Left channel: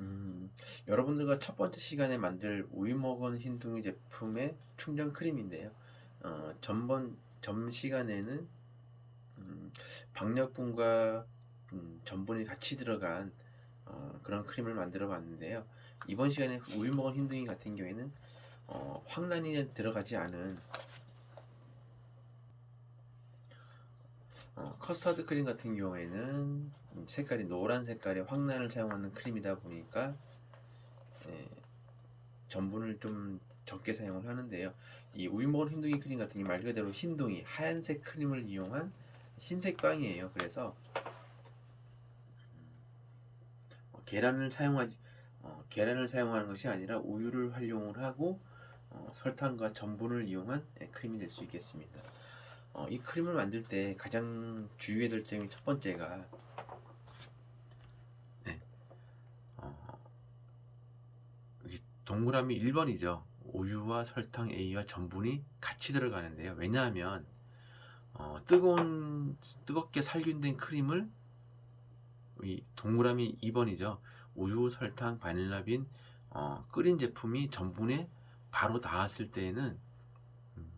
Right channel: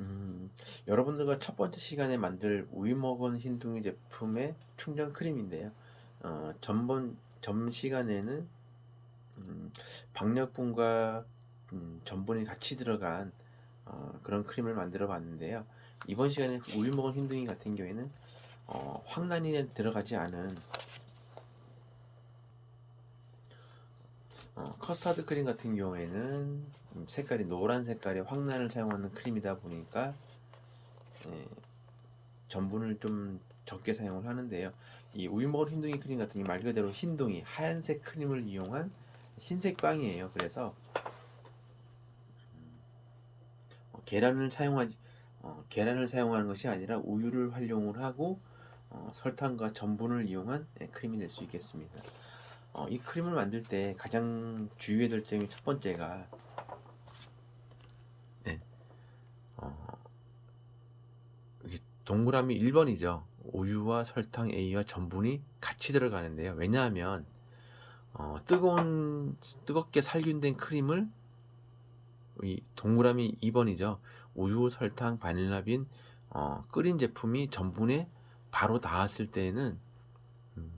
음, 여러분들과 첫 번째 시간에 만들 우유 먹은 흰둥이 제품의 충전 크림인데요. 전 시간에는 음, 박력분과 전분이 같이 들어간 그런 크림을 만들어 봤는데요. 이번 시간에 우유 먹은 흰둥이 같은 경우에는 황란이 들어가지 않은 커스터드 크림 같은 경우에는 색깔이 노란 색깔의 황란을 사용하는 크림이다 보니까 예, 전분을 좀 적게 사용을 하는데요. 이 우유 먹은 흰둥이 크림 같은 게 말 그대로 흰둥이 하얀색 크림을 이용한 흰색 빵이에요. 그래서 계란을 사용하지 계란을 사용하는 것이 아니라 우유를 활용을 하고 설탕과 전분을 이용한 크림이 될 수 있겠습니다. 이 크림을 만들 때 가장 주의해야 될 점이 첫 번째가 네, 어, 동그라미 1번이죠. 우유와 설탕 A와 전분이 같이 들어가는데요. 왜냐하면 뜨겁게 살균된 크림을 이 동그라미 2번이죠. 우유, 설탕, 바닐라빈 끓인 제품이 전분에 바로 닿았을 때에는 음,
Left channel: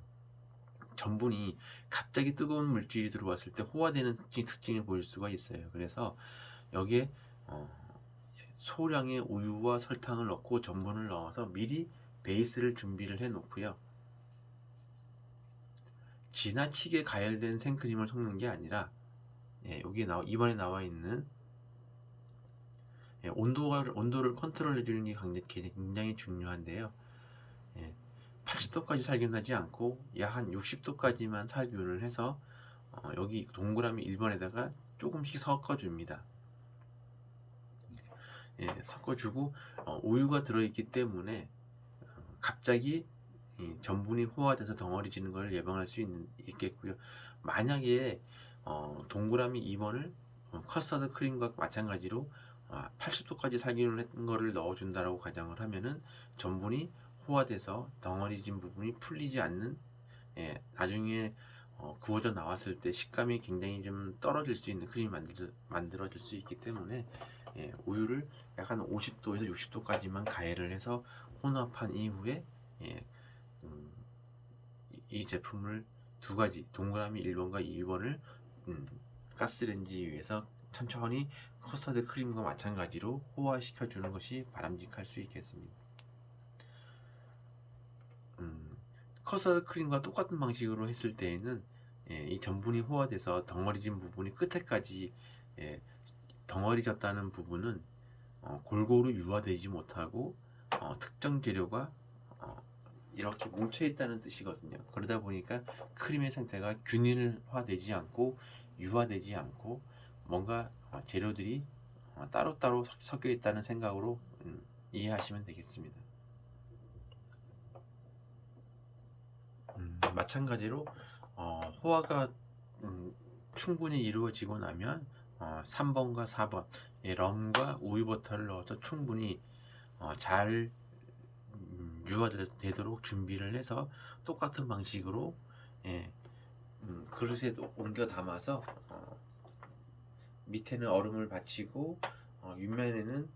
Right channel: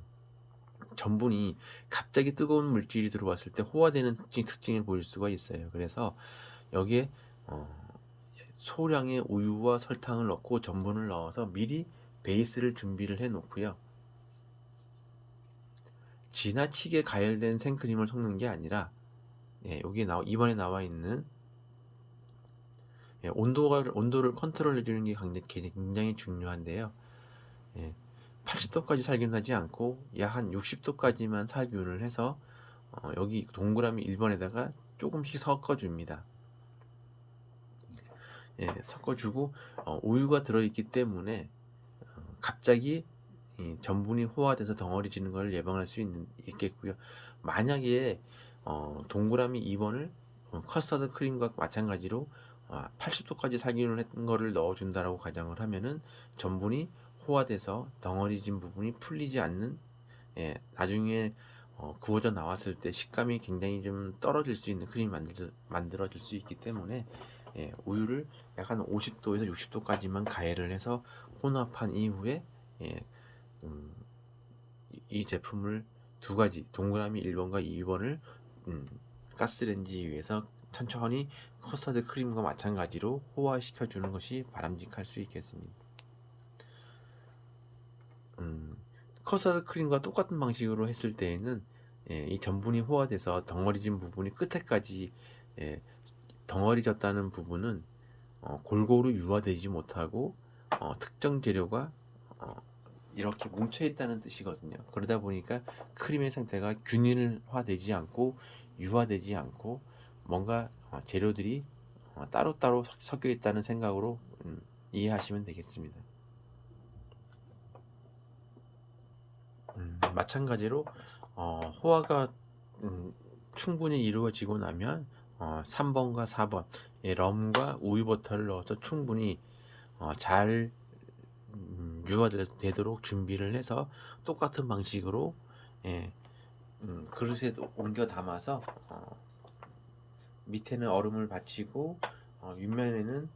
전분이 갑자기 뜨거운 물질이 들어왔을 때 호화되는 특징을 보일 수가 있어요. 그래서 여기에 어, 소량의 우유와 설탕을 넣고 전분을 넣어서 미리 베이스를 준비를 해 놓고요. 지나치게 가열된 생크림을 섞는 게 아니라 이번에 나와 있는 온도를 컨트롤 해주는 게 굉장히 중요한데요. 예, 80도까지 살균하지 않고 약 한 60도까지만 살균을 해서 여기 동그라미 1번에다가 조금씩 섞어줍니다. 섞어주고 우유가 들어있기 때문에 갑자기 이 전분이 호화돼서 덩어리지는 걸 예방할 수 있겠고요. 만약에 동그라미 2번을 커스터드 크림과 마찬가지로 80도까지 살균을 했던 거를 넣어준다라고 가정을 하면은 전분이 호화돼서 덩어리진 부분이 풀리지 않는 나중에 구워져 나왔을 때 식감이 굉장히 좀 떨어질 수 있는 크림이 만들어질 수 있기 때문에 우유를 약 한 50도에서 60도까지만 가열을 해서 혼합한 이후에 예, 음, 이 제품을 두 가지 동그라미 1번과 2번을 가스레인지 위에서 천천히 커스터드 크림과 마찬가지로 호화시켜 주는 것이 바람직할 수 있겠습니다. 음, 커스터드 크림과 똑같은 방식으로 했을 때에는 이 전분이 호화돼서 덩어리진 부분이 끝에까지 예, 덩어리졌다는 부분은 골고루 유화되지 못하고 특정 재료가 어, 이렇게 뭉쳐 있다는 뜻이거든요. 그러다 보니까 크림의 상태가 균일화되지 않고 유화되지 않고 뭔가 재료들이 따로따로 섞여 있다는 생각으로 이해하시면 되겠습니다. 마찬가지로 호화가 음, 충분히 이루어지고 나면 3번과 4번 럼과 우유버터를 넣어서 충분히 잘 유화되도록 준비를 해서 똑같은 방식으로 예, 그릇에 옮겨 담아서 밑에는 얼음을 받치고 윗면에는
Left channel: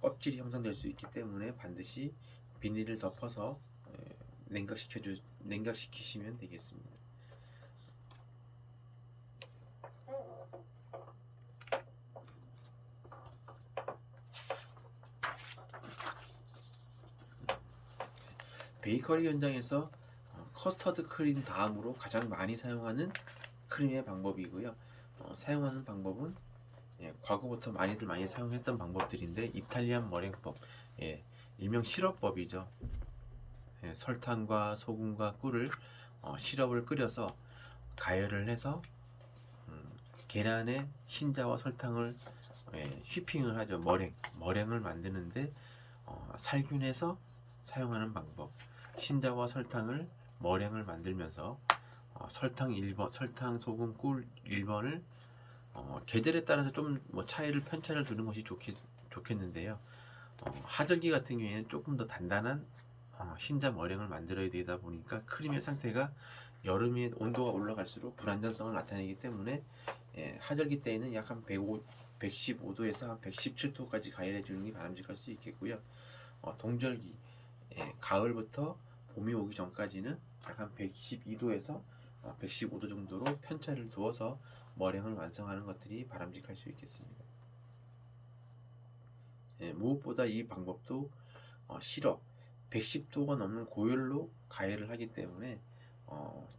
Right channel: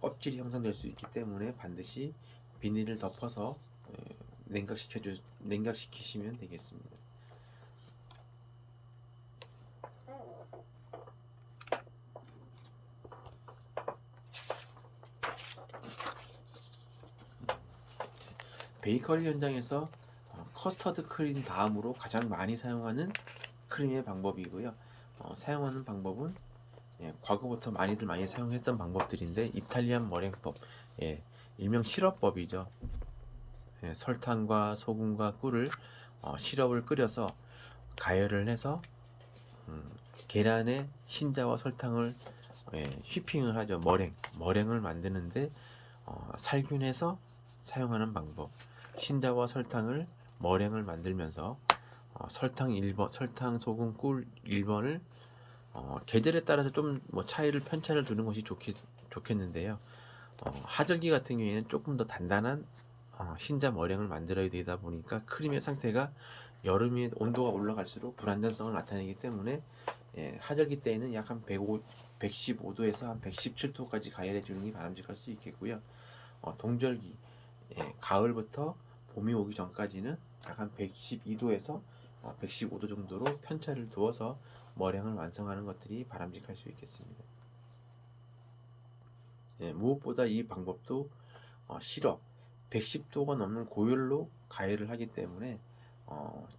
껍질이 형성될 수 있기 때문에 반드시 비닐을 덮어서 예, 냉각시키시면 되겠습니다. 베이커리 현장에서 커스터드 크림 다음으로 가장 많이 사용하는 크림의 방법이고요. 사용하는 방법은 과거부터 많이 사용했던 방법들인데 이탈리안 머랭법, 일명 시럽법이죠. 설탕과 소금과 꿀을 시럽을 끓여서 가열을 해서 음, 계란에 흰자와 설탕을 휘핑을 하죠. 머랭을 만드는데 살균해서 사용하는 방법. 흰자와 설탕을 머랭을 만들면서 설탕, 소금, 꿀 1번을 계절에 따라서 좀 뭐 편차를 두는 것이 좋겠는데요. 하절기 같은 경우에는 조금 더 단단한 흰자 머랭을 만들어야 되다 보니까 크림의 상태가 여름에 온도가 올라갈수록 불안정성을 나타내기 때문에 하절기 때에는 약 한 115도에서 한 117도까지 가열해 주는 게 바람직할 수 있겠고요. 동절기 가을부터 봄이 오기 전까지는 약 한 112도에서 115도 정도로 편차를 두어서 머랭을 완성하는 것들이 바람직할 수 있겠습니다. 무엇보다 이 방법도 시럽 110도가 넘는 고열로 가열을 하기 때문에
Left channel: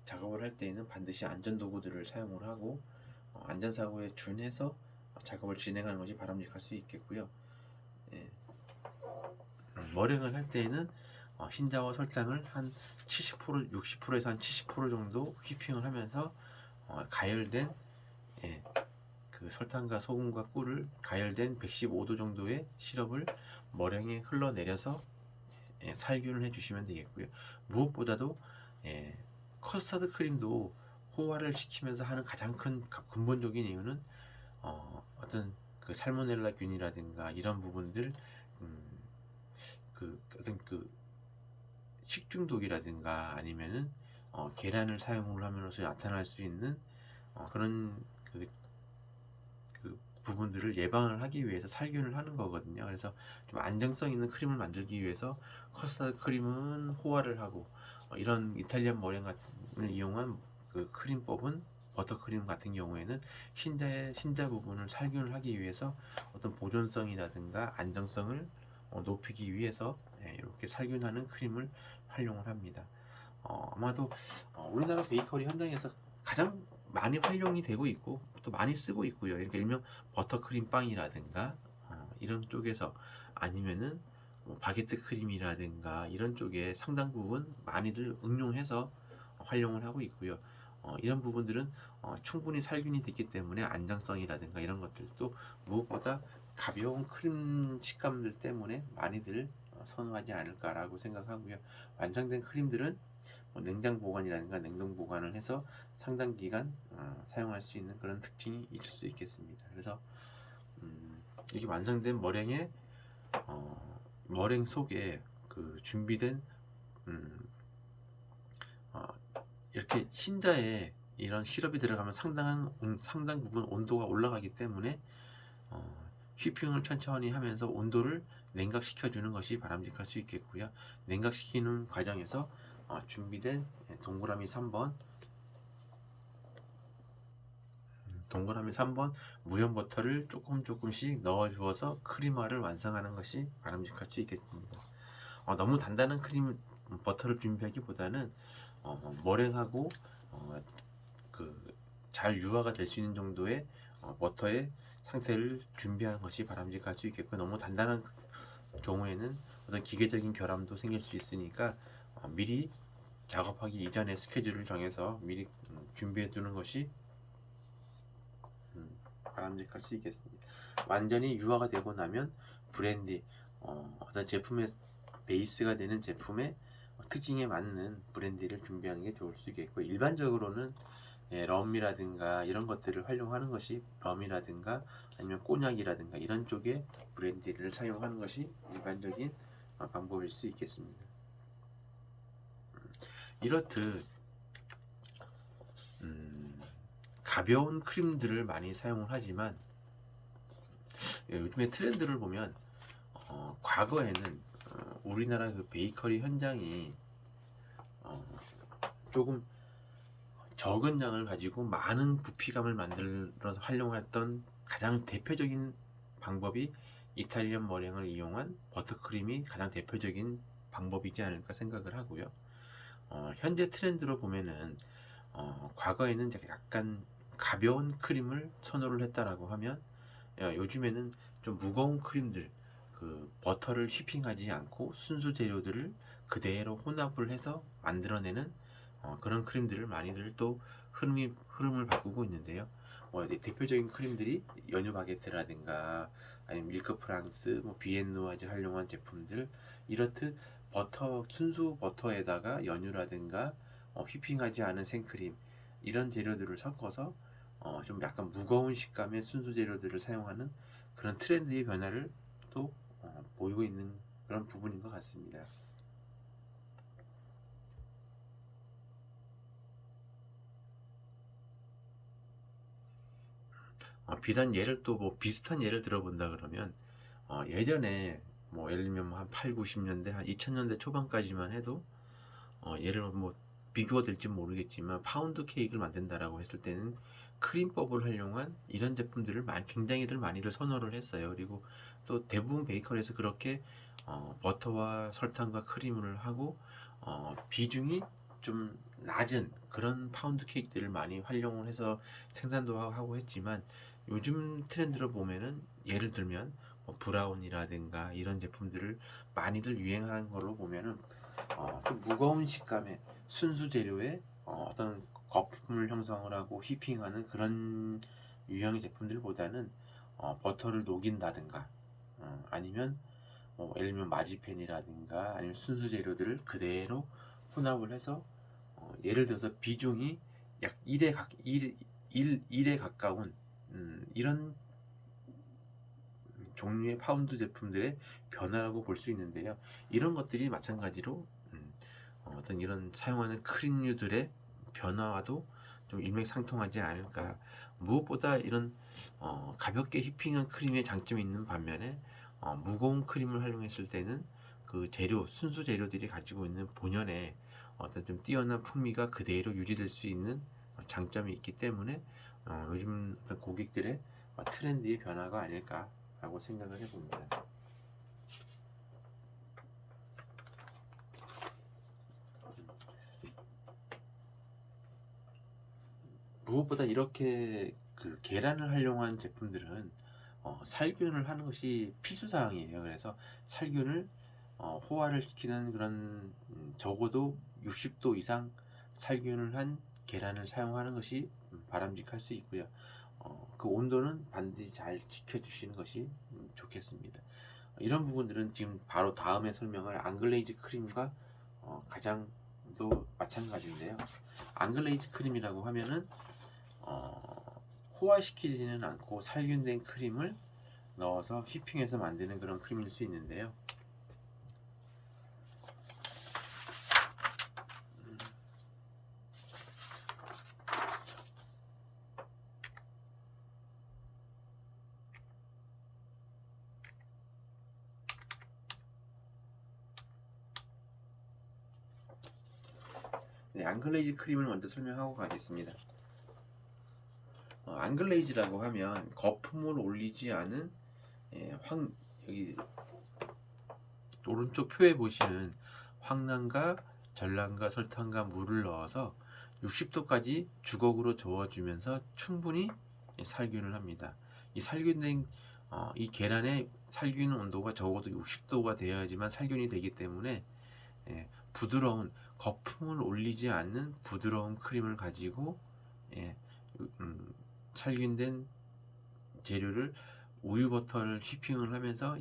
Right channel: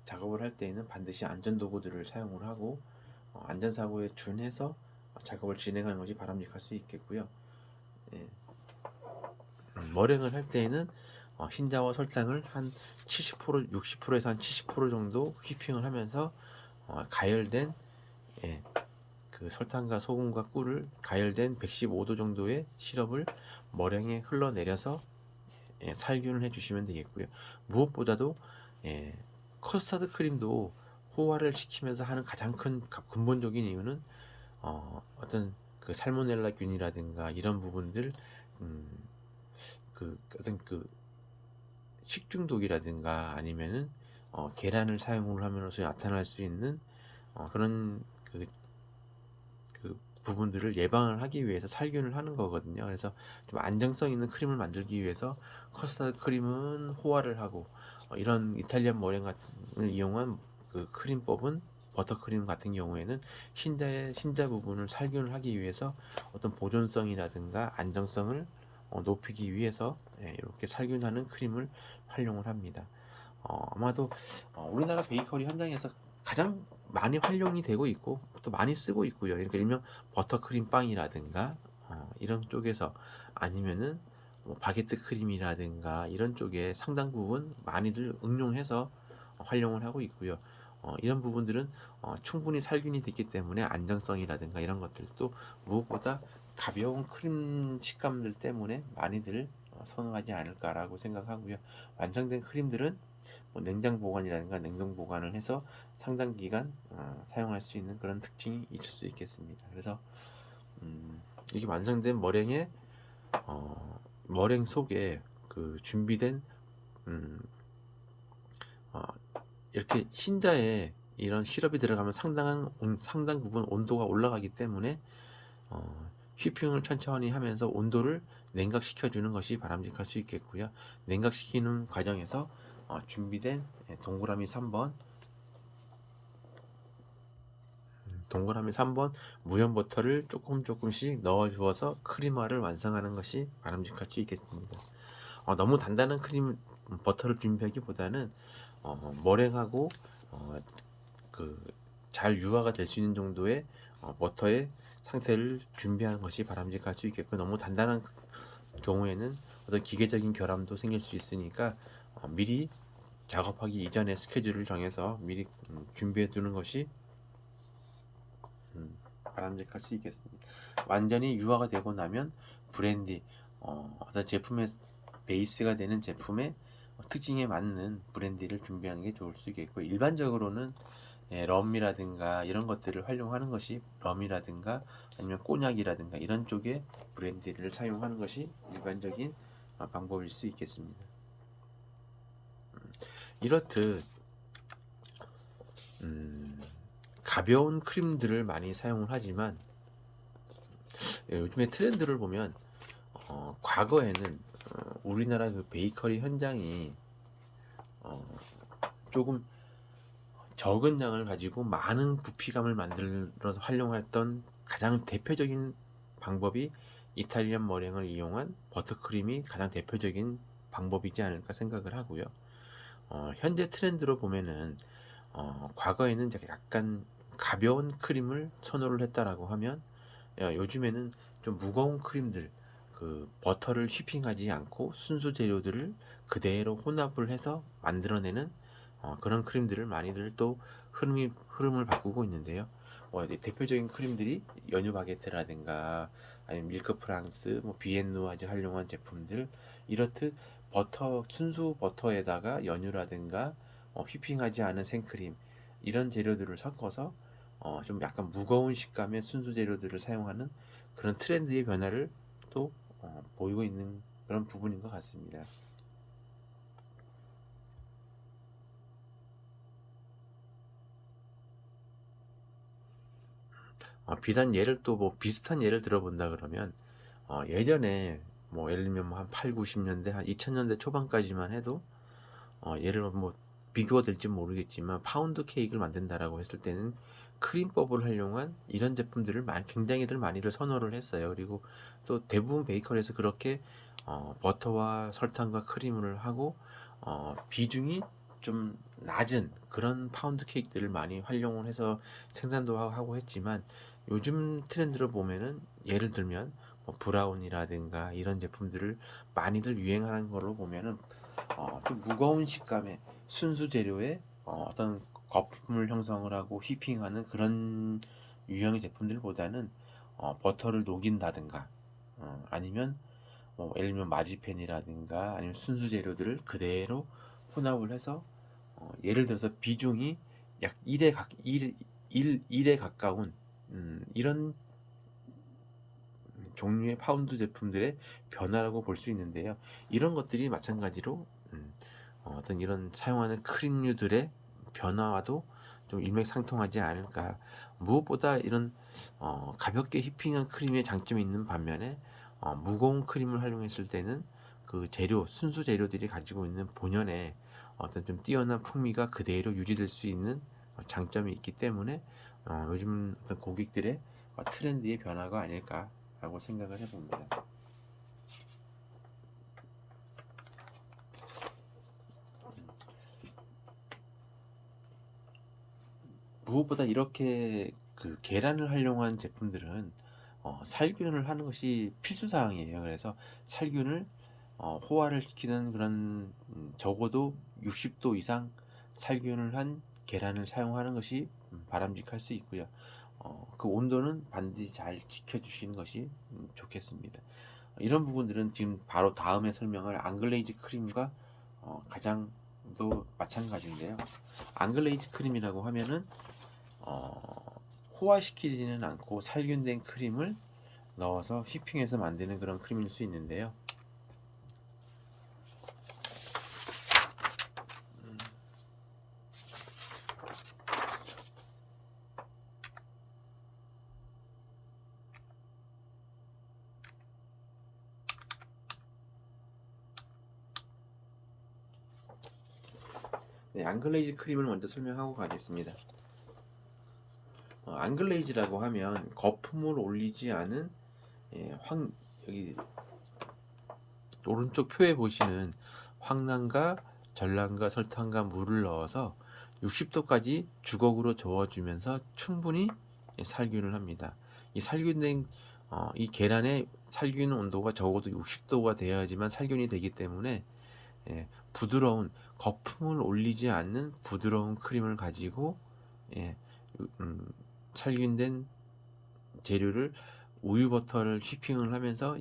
작업을 할 때에는 반드시 안전도구들을 사용을 하고 안전사고에 준해서 작업을 진행하는 것이 바람직할 수 있겠고요. 예, 머랭을 할 때에는 흰자와 설탕을 한 70%, 60%에서 한 70% 정도 휘핑을 하면서 가열된 그 설탕과 소금과 꿀을 가열된 115도 정도의 시럽을 머랭에 흘러내려서 살균을 해주시면 되겠고요. 무엇보다도 커스터드 크림도 호화를 시키면서 하는 가장 큰 근본적인 이유는 어떤 그 살모넬라균이라든가 이런 부분들 그 어떤 그 식중독이라든가 아니면은 계란을 사용을 하면서 나타날 수 있는 그런 그 부분들을 예방을 하기 위해서 살균을 하는 거거든요. 그래서 좀 안정성 있는 크림을 만들기 위해서 커스터드 크림은 호화를 하고 이런 이탈리안 머랭 같은 이용한 그 크림법은 버터크림 같은 경우에는 흰자 부분을 살균을 하기 위해서 어떤 보존성이라든가 안정성을 높이기 위해서 이렇게 살균하는 크림을 활용을 합니다. 아마도 우리나라 베이커리 현장에서 가장 많이 활용이 되고 있고 또 많이 쓰고 있고요. 그러니까 일명 버터크림 빵이라든가 이런 쪽에서 아니면은 뭐 바게트 크림이라든가 이런 쪽에 상당 부분 많이들 응용해서 활용을 하고 있고요. 이런 부분들은 충분히 살균이 됐기 때문에 안정성이라든가 이런 것들도 무엇보다 가벼운 크림 식감들 때문에 많이들 선호하지 않을까라고 생각하고요. 완성된 크림들은 뭐 냉장 보관이라든가 냉동 보관을 해서 상당 기간 사용할 수 있는 그런 특징이 있을 수 있겠습니다. 그래서 이게 완성된 머랭 속에 그 준비된 음, 어, 이렇게 흰자에 이런 시럽이 들어가면 상당 부분 온도가 올라가기 때문에 휘핑을 천천히 하면서 온도를 냉각시켜 주는 것이 바람직할 수 있겠고요. 냉각시키는 과정에서 준비된 동그라미 3번 무염 버터를 조금씩 넣어 주어서 크림화를 완성하는 것이 바람직할 수 있겠습니다. 너무 단단한 버터를 준비하기보다는 머랭하고 그 잘 유화가 될 수 있는 정도의 버터의 상태를 준비하는 것이 바람직할 수 있겠고, 너무 단단한 경우에는 어떤 기계적인 결함도 생길 수 있으니까 미리 작업하기 이전에 스케줄을 정해서 미리 준비해 두는 것이 바람직할 수 있겠습니다. 완전히 유화가 되고 나면 브랜디, 어떤 제품의 베이스가 되는 제품의 특징에 맞는 브랜디를 준비하는 게 좋을 수 있겠고, 일반적으로는 럼이라든가 이런 것들을 활용하는 것이, 럼이라든가 아니면 꼬냑이라든가 이런 쪽의 브랜디를 사용하는 것이 일반적인 방법일 수 있겠습니다. 이렇듯 가벼운 크림들을 많이 사용을 하지만 요즘에 트렌드를 보면 과거에는 우리나라 그 베이커리 현장이 조금 적은 양을 가지고 많은 부피감을 만들어서 활용했던 가장 대표적인 방법이 이탈리안 머랭을 이용한 버터크림이 가장 대표적인 방법이지 않을까 생각을 하고요. 현재 트렌드로 보면은 과거에는 약간 가벼운 크림을 선호를 했다라고 하면 요즘에는 좀 무거운 크림들, 그 버터를 휘핑하지 않고 순수 재료들을 그대로 혼합을 해서 만들어내는 그런 크림들을 많이들 또 흐름을 바꾸고 있는데요. 대표적인 크림들이 연유 바게트라든가 아니면 밀크 프랑스, 뭐 비엔누아즈 활용한 제품들, 이렇듯 순수 버터에다가 연유라든가 휘핑하지 않은 생크림, 이런 재료들을 섞어서 좀 약간 무거운 식감의 순수 재료들을 사용하는 그런 트렌드의 변화를 또 보이고 있는 그런 부분인 것 같습니다. 비단 예를 또 뭐 비슷한 예를 들어본다 그러면 예전에 뭐 예를 들면 뭐한 8, 90년대 한 2000년대 초반까지만 해도 예를 들어 뭐 비교가 될지 모르겠지만 파운드 케이크를 만든다라고 했을 때는 크림법을 활용한 이런 제품들을 굉장히들 많이들 선호를 했어요. 그리고 또 대부분 베이커리에서 그렇게 버터와 설탕과 크림을 하고 비중이 좀 낮은 그런 파운드 케이크들을 많이 활용을 해서 생산도 하고 했지만 요즘 트렌드를 보면은 예를 들면 뭐 브라운이라든가 이런 제품들을 많이들 유행하는 걸로 보면은 좀 무거운 식감의 순수 재료에 어떤 거품을 형성을 하고 휘핑하는 그런 유형의 제품들보다는 버터를 녹인다든가 아니면 뭐 예를 들면 마지펜이라든가 아니면 순수 재료들을 그대로 혼합을 해서 예를 들어서 비중이 약 1에 가까운 이런 종류의 파운드 제품들의 변화라고 볼 수 있는데요. 이런 것들이 마찬가지로 어떤 이런 사용하는 크림류들의 변화와도 좀 일맥상통하지 않을까. 무엇보다 이런 가볍게 휘핑한 크림의 장점이 있는 반면에 무거운 크림을 활용했을 때는 그 재료, 순수 재료들이 가지고 있는 본연의 어떤 좀 뛰어난 풍미가 그대로 유지될 수 있는 장점이 있기 때문에 요즘 어떤 고객들의 트렌드의 변화가 아닐까라고 생각을 해봅니다. 무엇보다 이렇게 그 계란을 활용한 제품들은 살균을 하는 것이 필수 사항이에요. 그래서 살균을 호화를 시키는 그런 적어도 60도 이상 살균을 한 계란을 사용하는 것이 바람직할 수 있고요. 그 온도는 반드시 잘 지켜주시는 것이 좋겠습니다. 이런 부분들은 지금 바로 다음에 설명할 앙글레이즈 크림과 가장 또 마찬가지인데요. 앙글레이즈 크림이라고 하면은 호화시키지는 않고 살균된 크림을 넣어서 휘핑해서 만드는 그런 크림일 수 있는데요. 네, 앙글레이즈 크림을 먼저 설명하고 가겠습니다. 앙글레이즈라고 하면 거품을 올리지 않은 여기 오른쪽 표에 보시는 황난과 전란과 설탕과 물을 넣어서 60도까지 주걱으로 저어주면서 충분히 살균을 합니다. 이 살균된 이 계란의 살균 온도가 적어도 60도가 되어야지만 살균이 되기 때문에 부드러운 거품을 올리지 않는 부드러운 크림을 가지고 예, 살균된 재료를 우유 버터를 휘핑을 하면서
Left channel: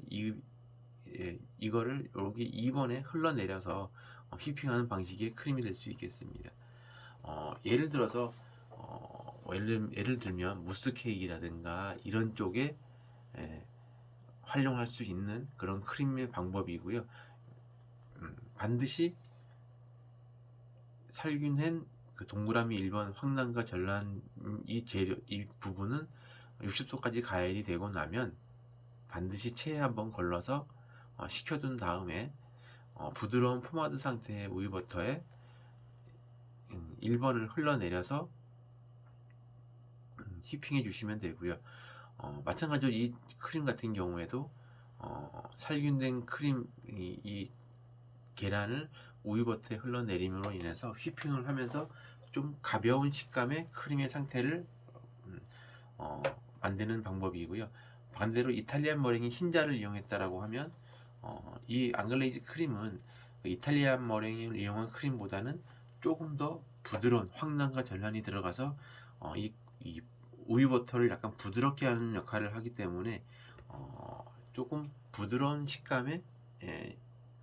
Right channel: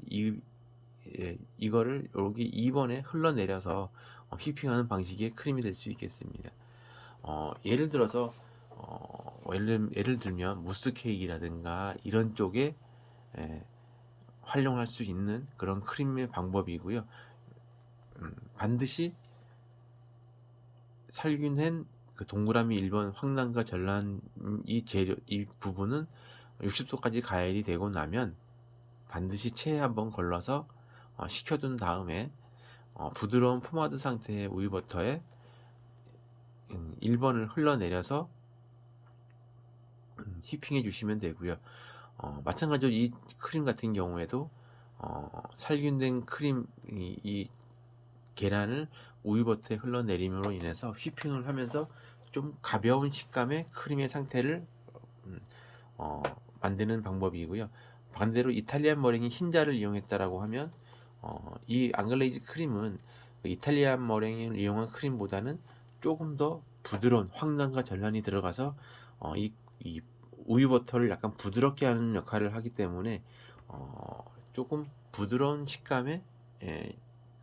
이거를 여기 2번에 흘러내려서 휘핑하는 방식의 크림이 될 수 있겠습니다. 예를 들어서 예를 들면 무스 케이크라든가 이런 쪽에 활용할 수 있는 그런 크림의 방법이고요. 반드시 살균한 그 동그라미 1번 황난과 전란 이 재료 이 부분은 60도까지 가열이 되고 나면 반드시 체에 한번 걸러서 식혀둔 다음에 부드러운 포마드 상태의 우유버터에 1번을 흘러내려서 휘핑해 주시면 되고요. 마찬가지로 이 크림 같은 경우에도 살균된 크림 이 계란을 우유버터에 흘러내림으로 인해서 휘핑을 하면서 좀 가벼운 식감의 크림의 상태를 만드는 방법이고요. 반대로 이탈리안 머랭이 흰자를 이용했다라고 하면 이 앙글레이즈 크림은 그 이탈리안 머랭을 이용한 크림보다는 조금 더 부드러운 황난과 전란이 들어가서 이 우유 버터를 약간 부드럽게 하는 역할을 하기 때문에 조금 부드러운 식감의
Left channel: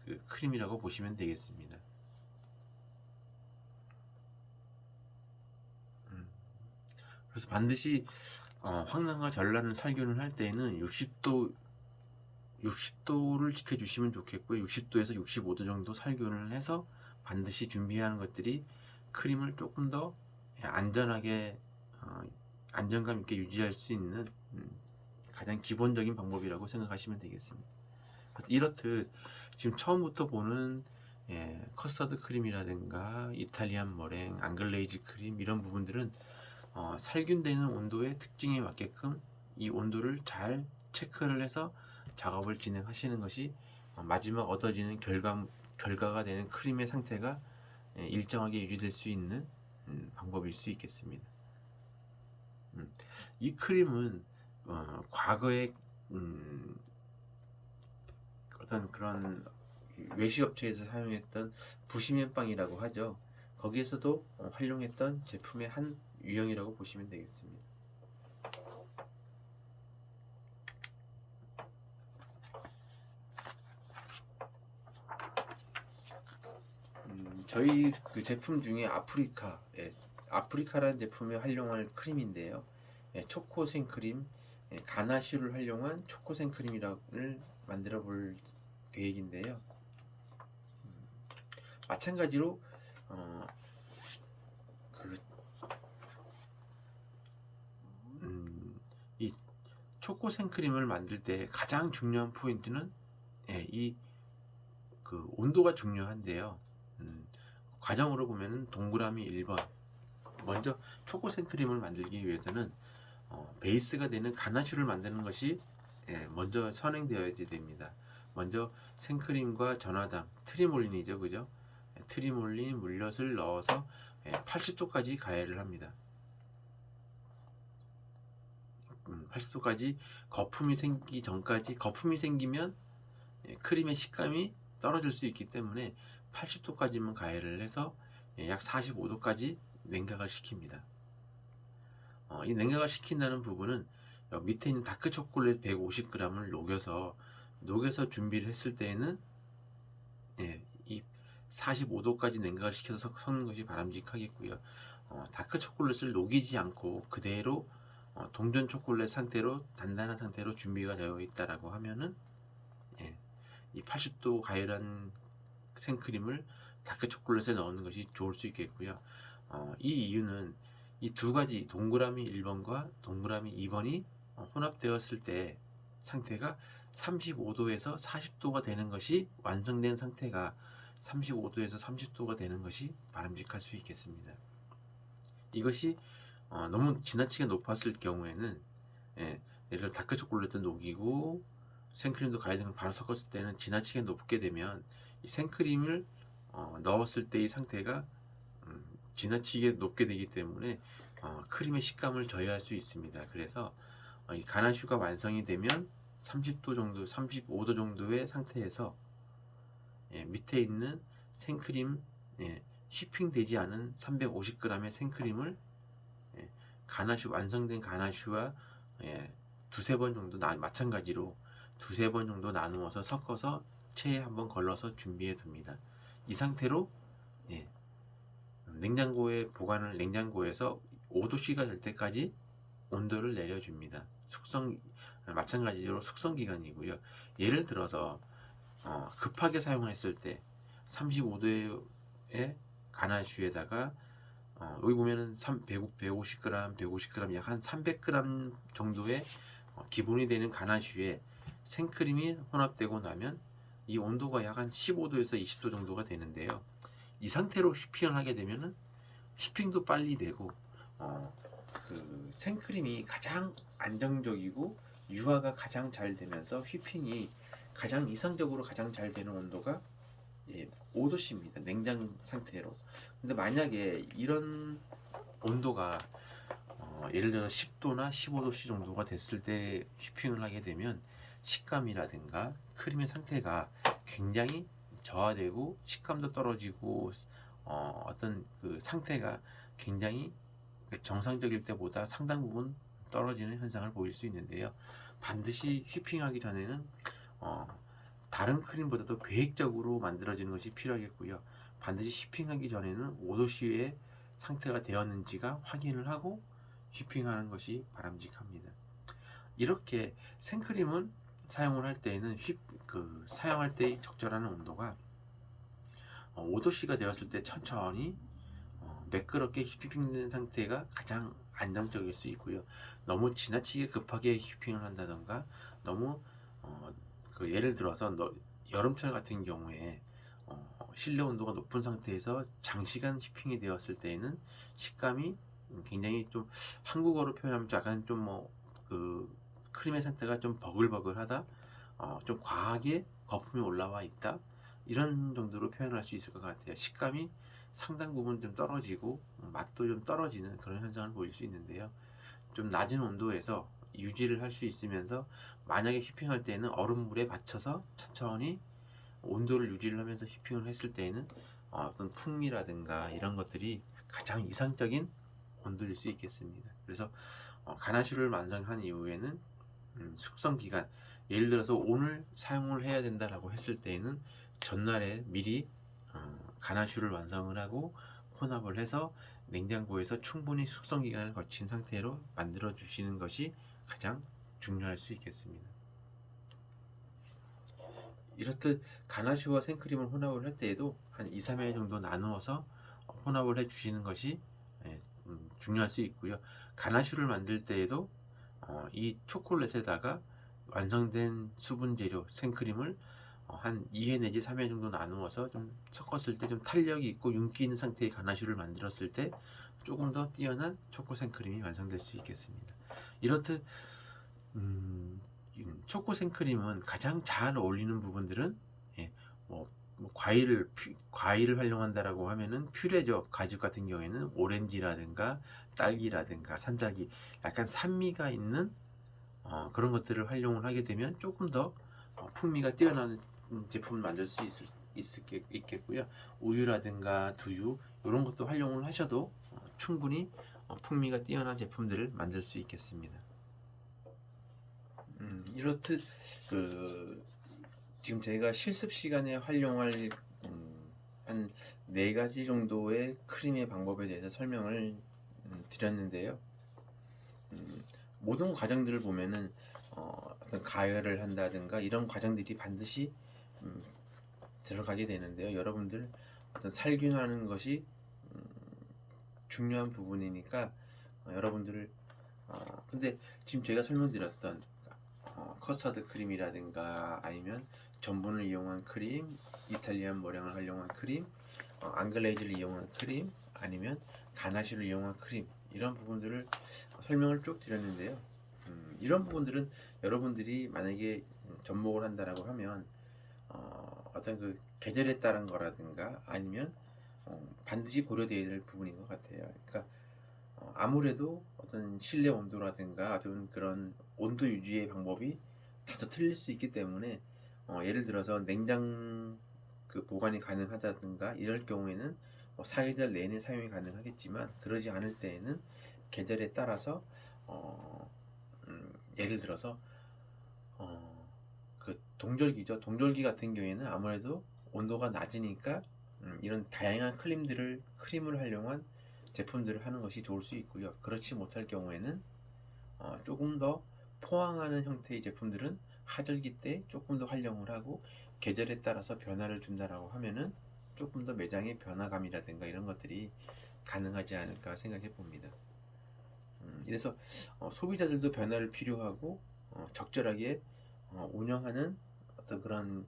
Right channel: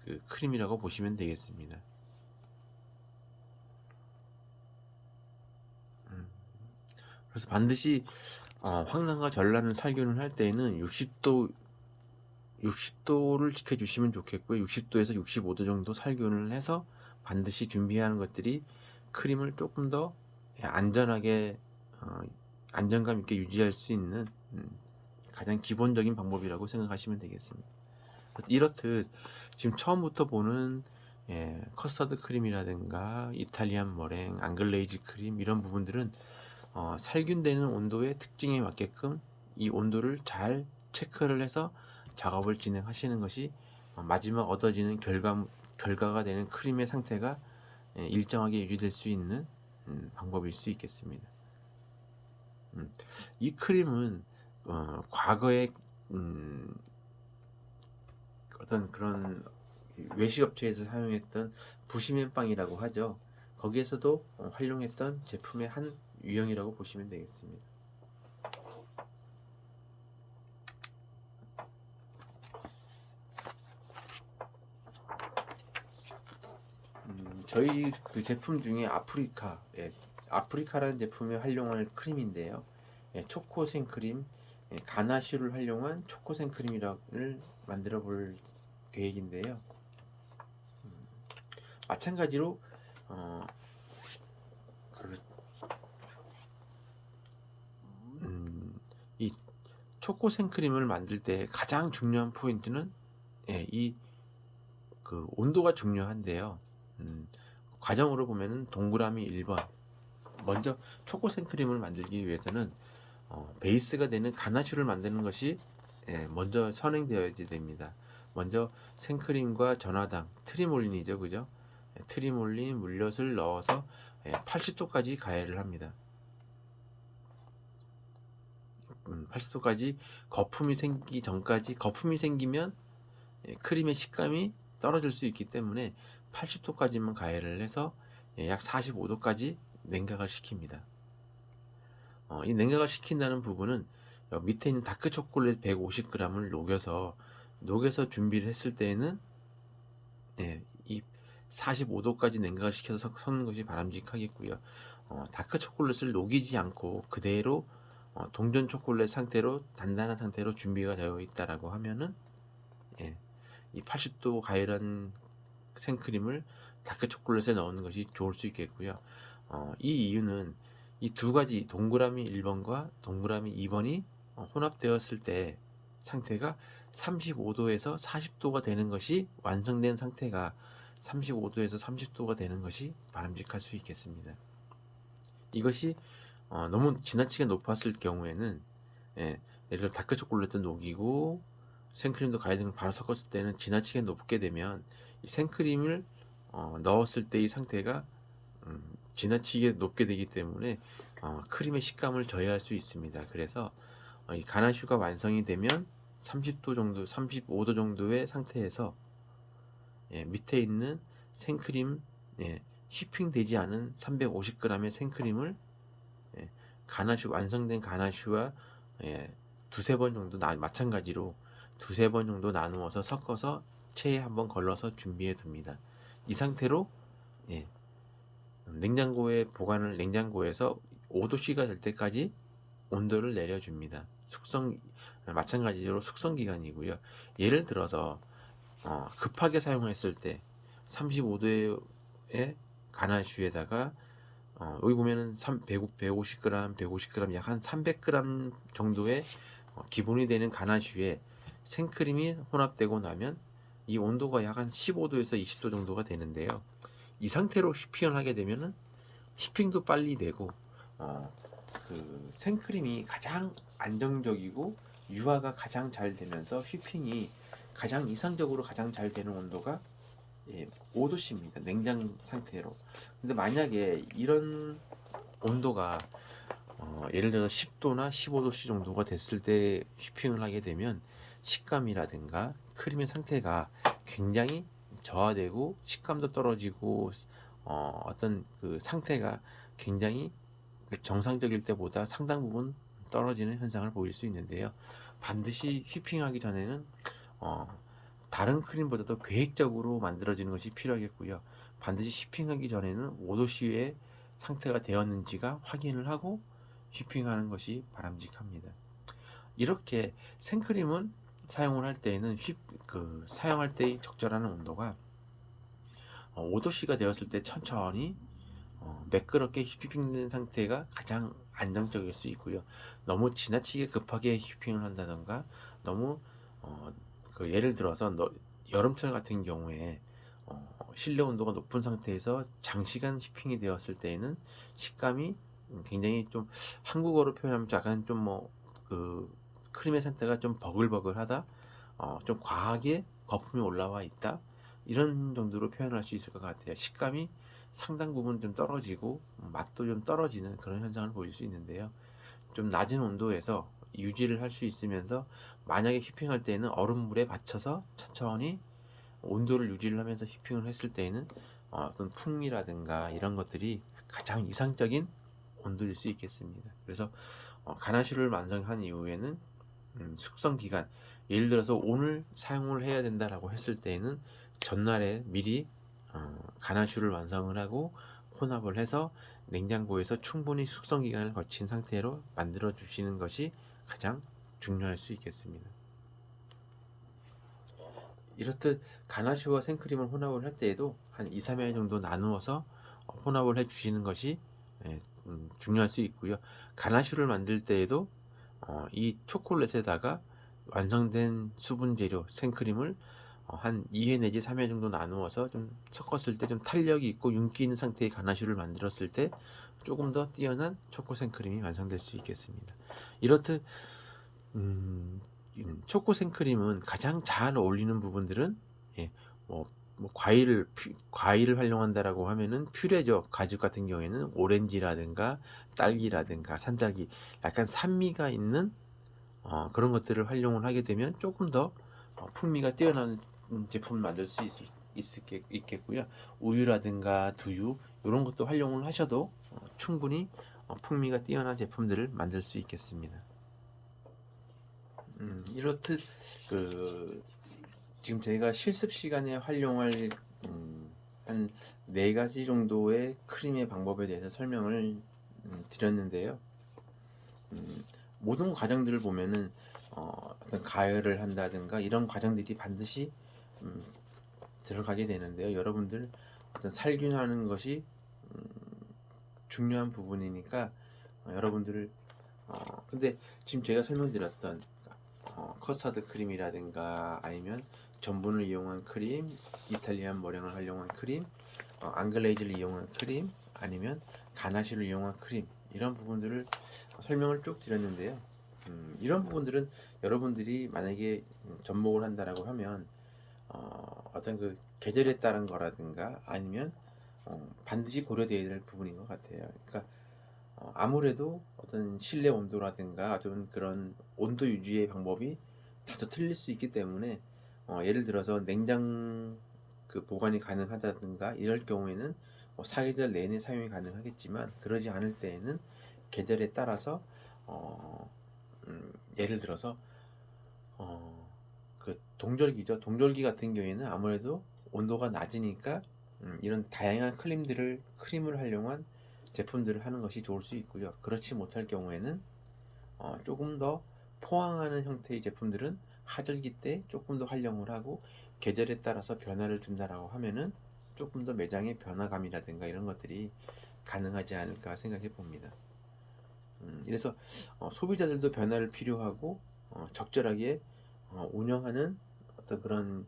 그 크림이라고 보시면 되겠습니다. 그래서 반드시 황난과 전란을 살균을 할 때에는 60도를 지켜주시면 좋겠고요. 60도에서 65도 정도 살균을 해서 반드시 준비하는 것들이 크림을 조금 더 안전하게 안정감 있게 유지할 수 있는 가장 기본적인 방법이라고 생각하시면 되겠습니다. 이렇듯 지금 처음부터 보는 커스터드 크림이라든가 이탈리안 머랭, 앙글레이즈 크림 이런 부분들은 살균되는 온도의 특징에 맞게끔 이 온도를 잘 체크를 해서 작업을 진행하시는 것이 마지막 얻어지는 결과가 되는 크림의 상태가 일정하게 유지될 수 있는 방법일 수 있겠습니다. 이 크림은 과거에 어떤 그런 외식업체에서 사용했던 부시맨빵이라고 하죠. 거기에서도 활용했던 제품의 한 유형이라고 보시면 되겠습니다. 저희 그 제품 중에 아프리카라는 제품에 활용할 크림인데요. 초코 생크림, 가나슈를 활용한 초코 생크림이라를 만들어 볼 계획인데요. 마찬가지로 어, 그, 이 초코 생크림을 만들 때 가장 중요한 포인트는 이 그 온도가 중요한데요. 과정으로 보면은 동그라미 1번 먼저 초코 생크림을 만들기 위해서는 베이스가 되는 가나슈를 만드는 것이 먼저 선행되어야 됩니다. 먼저 생크림과 전화당 트리몰린이죠, 그죠? 트리몰린 물엿을 넣어서 80도까지 가열을 합니다. 80도까지 거품이 생기기 전까지, 거품이 생기면 크림의 식감이 떨어질 수 있기 때문에 80도까지만 가열을 해서 약 45도까지 냉각을 시킵니다. 이 냉각을 시킨다는 부분은 밑에 있는 다크 초콜릿 150g을 녹여서 준비를 했을 때에는 이 45도까지 냉각을 시켜서 섞는 것이 바람직하겠고요. 다크 초콜릿을 녹이지 않고 그대로 동전 초콜릿 상태로 단단한 상태로 준비가 되어 있다라고 하면은 이 80도 가열한 생크림을 다크 초콜릿에 넣는 것이 좋을 수 있겠고요. 이 이유는 이 두 가지 동그라미 1번과 동그라미 2번이 혼합되었을 때 상태가 35도에서 40도가 되는 것이 완성된 상태가 35도에서 30도가 되는 것이 바람직할 수 있겠습니다. 이것이 너무 지나치게 높았을 경우에는 예를 들어 다크 초콜릿도 녹이고 생크림도 가열된 걸 바로 섞었을 때는 지나치게 높게 되면 이 생크림을 넣었을 때의 상태가 지나치게 높게 되기 때문에 크림의 식감을 저해할 수 있습니다. 그래서 이 가나슈가 완성이 되면 30도 정도, 35도 정도의 상태에서 밑에 있는 생크림 휘핑되지 않은 350g의 생크림을 완성된 가나슈와 두세 번 정도 마찬가지로 두세 번 정도 나누어서 섞어서 체에 한번 걸러서 준비해 둡니다. 이 상태로 냉장고에서 5도씨가 될 때까지 온도를 내려줍니다. 마찬가지로 숙성 기간이고요. 예를 들어서 급하게 사용했을 때 35도의 가나슈에다가 여기 보면은 150g 약 한 300g 정도의 기본이 되는 가나슈에 생크림이 혼합되고 나면 이 온도가 약 한 15도에서 20도 정도가 되는데요. 이 상태로 휘핑을 하게 되면은 휘핑도 빨리 되고 그 생크림이 가장 안정적이고 유화가 가장 잘 되면서 휘핑이 이상적으로 가장 잘 되는 온도가 5도씨입니다. 냉장 상태로. 근데 만약에 이런 온도가 예를 들어서 10도나 15도씨 정도가 됐을 때 휘핑을 하게 되면 식감이라든가 크림의 상태가 굉장히 저하되고 식감도 떨어지고 어떤 그 상태가 굉장히 정상적일 때보다 상당 부분 떨어지는 현상을 보일 수 있는데요. 반드시 휘핑하기 전에는 다른 크림보다도 계획적으로 만들어지는 것이 필요하겠고요. 반드시 휘핑하기 전에는 5도씨의 상태가 되었는지가 확인을 하고 휘핑하는 것이 바람직합니다. 이렇게 생크림은 사용을 할 때에는 사용할 때의 적절한 온도가 5도씨가 되었을 때 천천히 매끄럽게 휘핑된 상태가 가장 안정적일 수 있고요. 너무 지나치게 급하게 휘핑을 한다던가 너무 예를 들어서 여름철 같은 경우에 실내 온도가 높은 상태에서 장시간 휘핑이 되었을 때에는 식감이 굉장히 좀, 한국어로 표현하면 약간 좀 크림의 상태가 좀 버글버글하다, 좀 과하게 거품이 올라와 있다, 이런 정도로 표현할 수 있을 것 같아요. 식감이 상당 부분 좀 떨어지고 맛도 좀 떨어지는 그런 현상을 보일 수 있는데요. 좀 낮은 온도에서 유지를 할 수 있으면서, 만약에 휘핑할 때는 얼음물에 받쳐서 천천히 온도를 유지를 하면서 휘핑을 했을 때에는 어떤 풍미라든가 이런 것들이 가장 이상적인 온도일 수 있겠습니다. 그래서 가나슈를 완성한 이후에는 숙성 기간, 예를 들어서 오늘 사용을 해야 된다라고 했을 때에는 전날에 미리 가나슈를 완성을 하고 혼합을 해서 냉장고에서 충분히 숙성 기간을 거친 상태로 만들어 주시는 것이 가장 중요할 수 있겠습니다. 이렇듯 가나슈와 생크림을 혼합을 할 때에도 한 2, 3회 정도 나누어서 혼합을 해 주시는 것이 중요할 수 있고요. 가나슈를 만들 때에도 이 초콜릿에다가 완성된 수분 재료 생크림을 한 2회 내지 3회 정도 나누어서 좀 섞었을 때 좀 탄력이 있고 윤기 있는 상태의 가나슈를 만들었을 때 조금 더 뛰어난 초코 생크림이 완성될 수 있겠습니다. 이렇듯 초코 생크림은 가장 잘 어울리는 부분들은, 예, 과일을 활용한다라고 하면은 퓨레죠. 가죽 같은 경우에는 오렌지라든가 딸기라든가 산딸기, 약간 산미가 있는 그런 것들을 활용을 하게 되면 조금 더 풍미가 뛰어난 제품을 만들 수 있겠고요. 우유라든가 두유 이런 것도 활용을 하셔도 충분히 풍미가 뛰어난 제품들을 만들 수 있겠습니다. 이렇듯 지금 제가 실습 시간에 활용할 한 4가지 정도의 크림의 방법에 대해서 설명을 드렸는데요. 모든 과정들을 보면은 어떤 가열을 한다든가 이런 과정들이 반드시 들어가게 되는데요. 여러분들 어떤 살균하는 것이 중요한 부분이니까 여러분들을 근데 지금 제가 설명드렸던 커스터드 크림이라든가 아니면 전분을 이용한 크림, 이탈리안 머랭을 활용한 크림, 앙글레이즈를 이용한 크림, 아니면 가나시를 이용한 크림, 이런 부분들을 설명을 쭉 드렸는데요. 이런 부분들은 여러분들이 만약에 접목을 한다라고 하면 어떤 그 계절에 따른 거라든가 아니면 반드시 고려되어야 될 부분인 것 같아요. 그러니까 아무래도 어떤 실내 온도라든가 어떤 그런 온도 유지의 방법이 다소 틀릴 수 있기 때문에 예를 들어서 냉장 보관이 가능하다든가 이럴 경우에는 사계절 내내 사용이 가능하겠지만, 그러지 않을 때에는 계절에 따라서 예를 들어서 동절기죠. 동절기 같은 경우에는 아무래도 온도가 낮으니까 이런 다양한 크림을 활용한 제품들을 하는 것이 좋을 수 있고요. 그렇지 못할 경우에는 조금 더 포항하는 형태의 제품들은 하절기 때 조금 더 활용을 하고, 계절에 따라서 변화를 준다라고 하면은 조금 더 매장의 변화감이라든가 이런 것들이 가능하지 않을까 생각해 봅니다. 그래서 소비자들도 변화를 필요하고 적절하게 운영하는 어떤 그런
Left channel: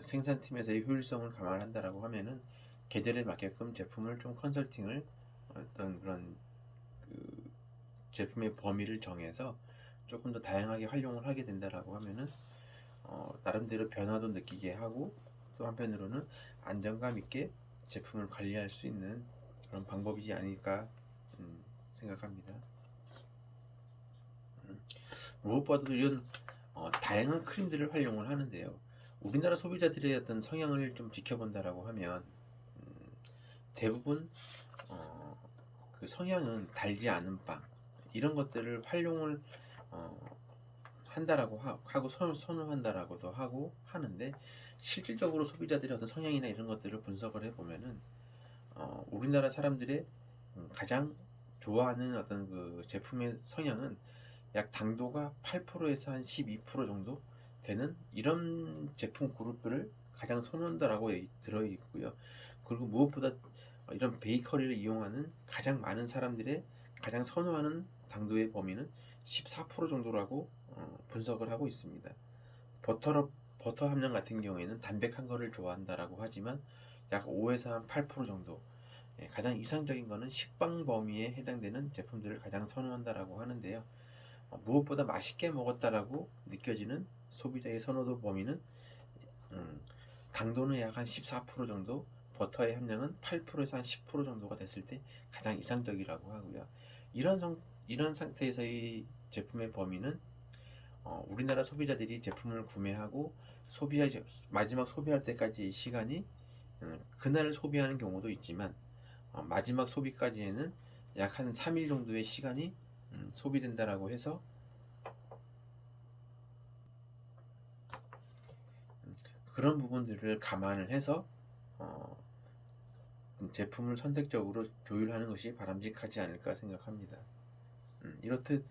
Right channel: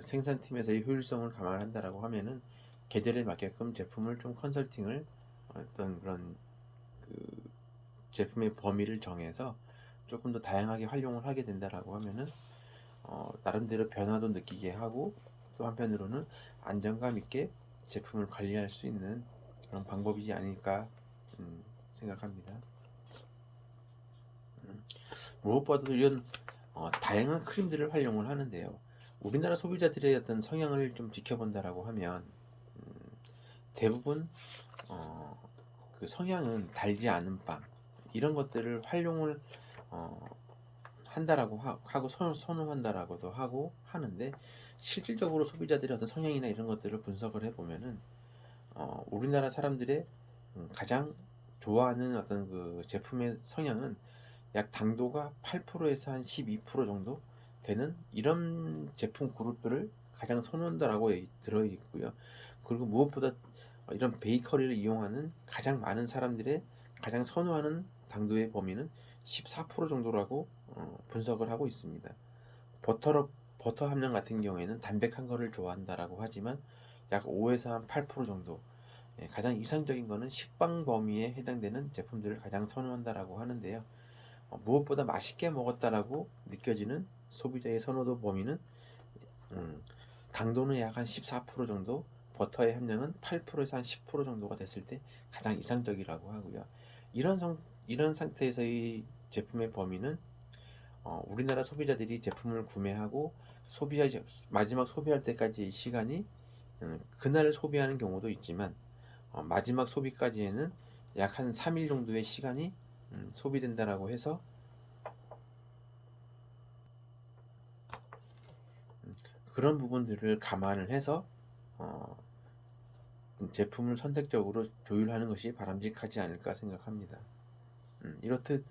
생산팀에서의 효율성을 감안한다라고 하면은 계절에 맞게끔 제품을 좀 컨설팅을 어떤 그런 제품의 범위를 정해서 조금 더 다양하게 활용을 하게 된다라고 하면은 나름대로 변화도 느끼게 하고, 또 한편으로는 안정감 있게 제품을 관리할 수 있는 그런 방법이지 않을까 생각합니다. 무엇보다도 이런 다양한 크림들을 활용을 하는데요. 우리나라 소비자들의 어떤 성향을 좀 지켜본다라고 하면 대부분 그 성향은 달지 않은 빵 이런 것들을 활용을 한다라고 하고 선호한다라고도 하고 하는데, 실질적으로 소비자들의 어떤 성향이나 이런 것들을 분석을 해보면은 우리나라 사람들의 가장 좋아하는 어떤 그 제품의 성향은 약 당도가 8%에서 한 12% 정도 되는 이런 제품 그룹들을 가장 선호한다라고 들어 있고요. 그리고 무엇보다 이런 베이커리를 이용하는 가장 많은 사람들의 가장 선호하는 당도의 범위는 14% 정도라고 분석을 하고 있습니다. 버터 함량 같은 경우에는 담백한 거를 좋아한다라고 하지만 약 5에서 한 8% 정도. 가장 이상적인 거는 식빵 범위에 해당되는 제품들을 가장 선호한다라고 하는데요. 무엇보다 맛있게 먹었다라고 느껴지는 소비자의 선호도 범위는 음, 당도는 약 한 14% 정도, 버터의 함량은 8%에서 한 10% 정도가 됐을 때 가장 이상적이라고 하고요. 이런 상태에서의 제품의 범위는 우리나라 소비자들이 제품을 구매하고 마지막 소비할 때까지의 시간이 그날 소비하는 경우도 있지만 마지막 소비까지에는 약 한 3일 정도의 시간이 소비된다라고 해서 그런 부분들을 감안을 해서 어, 제품을 선택적으로 조율하는 것이 바람직하지 않을까 생각합니다. 이렇듯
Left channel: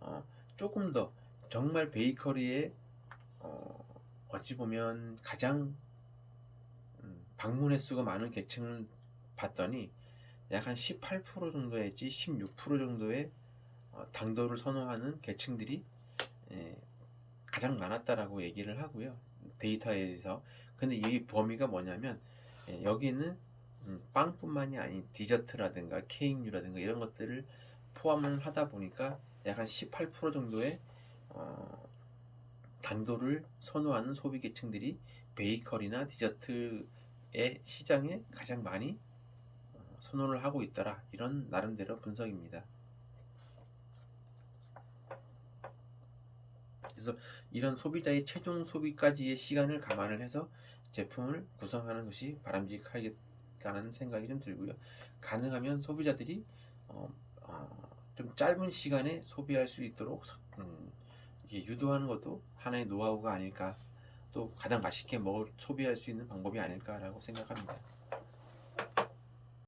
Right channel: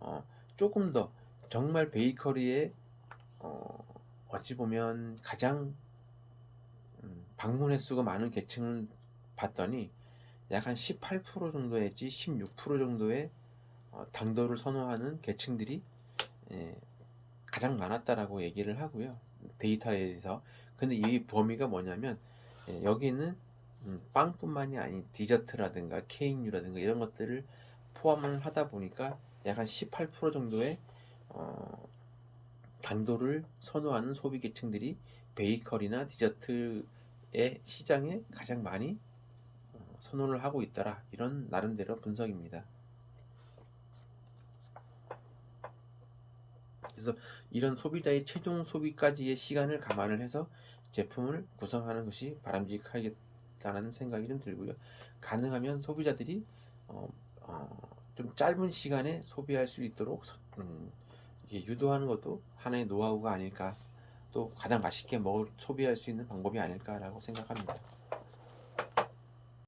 어, 조금 더 정말 베이커리에 어, 어찌 보면 가장 방문 횟수가 많은 계층을 봤더니 약 한 18% 정도 내지 16% 정도의 당도를 선호하는 계층들이 예, 가장 많았다라고 얘기를 하고요. 데이터에서. 근데 이 범위가 뭐냐면 여기는 빵뿐만이 아닌 디저트라든가 케이크류라든가 이런 것들을 포함을 하다 보니까 약 한 18% 정도의 어, 당도를 선호하는 소비 계층들이 베이커리나 디저트의 시장에 가장 많이 선호를 하고 있더라. 이런 나름대로 분석입니다. 그래서 이런 소비자의 최종 소비까지의 시간을 감안을 해서 제품을 구성하는 것이 바람직하겠다는 생각이 좀 들고요. 가능하면 소비자들이 어, 좀 짧은 시간에 소비할 수 있도록 유도하는 것도 하나의 노하우가 아닐까, 또 가장 맛있게 소비할 수 있는 방법이 아닐까라고 생각합니다.